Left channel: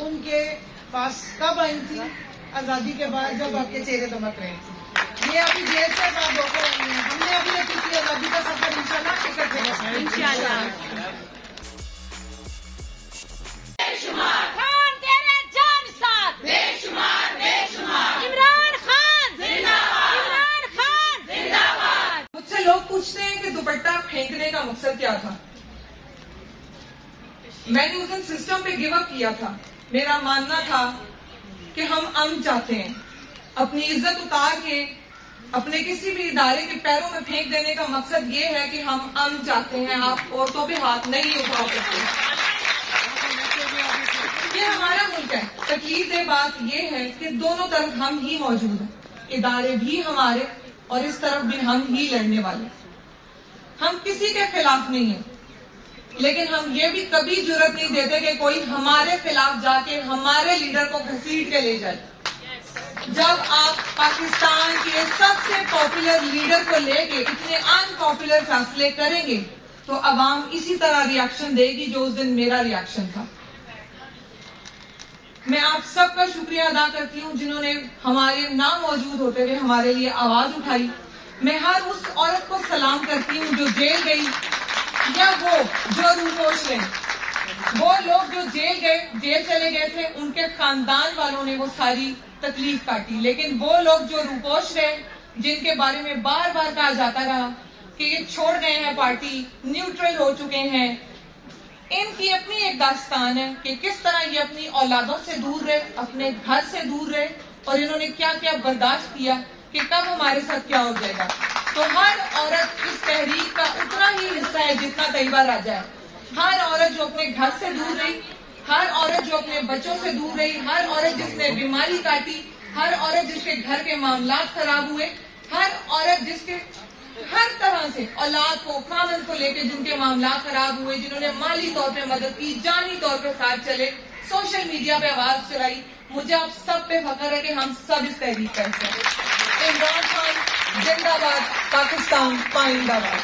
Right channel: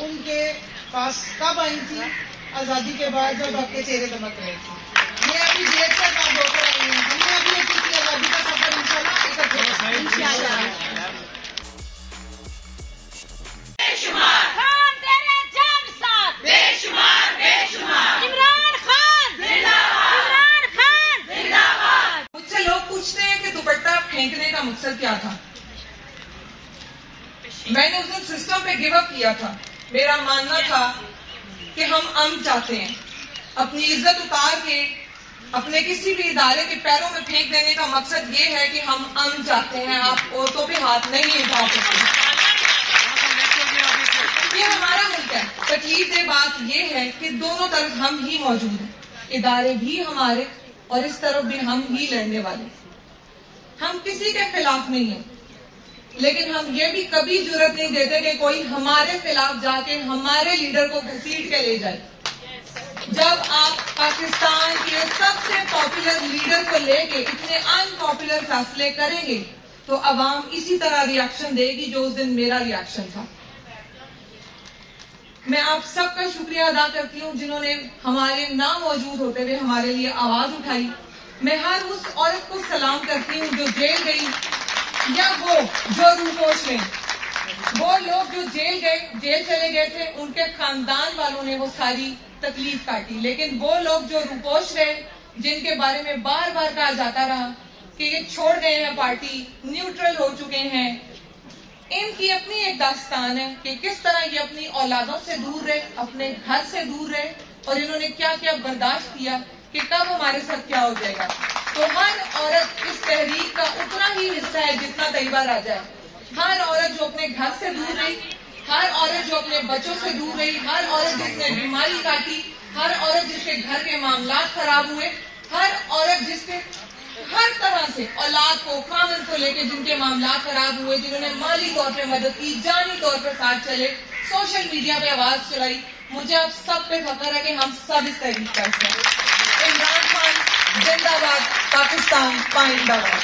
उनके पास कब आई थी? आजादी के बाद, जब आपके चेहरे दमक रहे थे। ये अभी जेल से बात होकर आई है। हमने अभी एक आजादी का सफर इंशाल्लाह इकट्ठे इंशाल्लाह। लोग पूछते हैं कि दुपट्टा फेंकने का मकसद क्या था। मैंने उस दिन सिस्टम पे गिव अप किया था। मेरा मानना था कि हम अमन चाहते हैं, अपनी इज्जत उतार के अपने किसी भी इदारे के पैरों में फेंक देने का मकसद ये है कि हम अमन चाहते हैं। आप औरतों पे हाथ नहीं उठा सकते। ये हमारा मुल्क है। तकलीफ दे बात ये है कि दोनों तरफ हम ही मौजूद हैं, इदारे भी हमारे और इस तरफ भी हम ही लड़ने वाले। हम किसी के खिलाफ नहीं हैं, लेकिन हम ये भी कभी जुर्रत नहीं देते कि कोई हमारे खिलाफ जाके हमारे लीडर को घसीट के ले जाए। जब आप पाकिस्तान के सबसे पॉपुलर लीडर को लेके इतने अनपॉपुलर फैसले करेंगे तो अवाम इसी तरह रिएक्शन देगी जो उस दिन मेरा रिएक्शन था। मैं आप सबका शुक्रिया अदा करती हूँ जिन्होंने हमारे ना मौजूद होते हुए हमारे लिए आवाज उठाई। मैं हर उस औरत को सलाम करती हूँ जो जेल गई, या वो जो रूपोश है। वो लोग जो जेल चले गए थे, उनके खानदान वालों ने वो सारी तकलीफ काटी, लेकिन वो लोग जो रूपोश रहे, जिनके बारे में बार बार कहा जाता रहा कि ये छोड़ गए हैं पार्टी, न्यूट्रल हो चुके हैं, इनकी अपनी एक दास्तान है कि किस तरह ये अपनी औलादों से दूर रहे, अपने घर से दूर रहे और इन्होंने क्या क्या बर्दाश्त किया कि कब हमारे साथ क्या हो जाएगा। तो हर औरत इस तहरीक का उतना ही हिस्सा है जितना तैयबा राजा है। हर औरत जो अपने घर से दूर रही, हर औरत जो अपने बच्चों से दूर रही, हर औरत जिसने बीमारी काटी, हर औरत जिसके घर के मामलात खराब हुए, हर औरत जिसके हर तरह से औलाद को, खामन को लेकर जिनके मामला खराब हुए, जिन्होंने माली तौर पे मदद की, जानी तौर पे साथ चले, सोशल मीडिया पे आवाज चलाई, मुझे आप सब पे फख्र है कि हम सब इस तहरीक करते हैं। इमरान खान जिंदाबाद, पाकिस्तान पाइंदाबाद।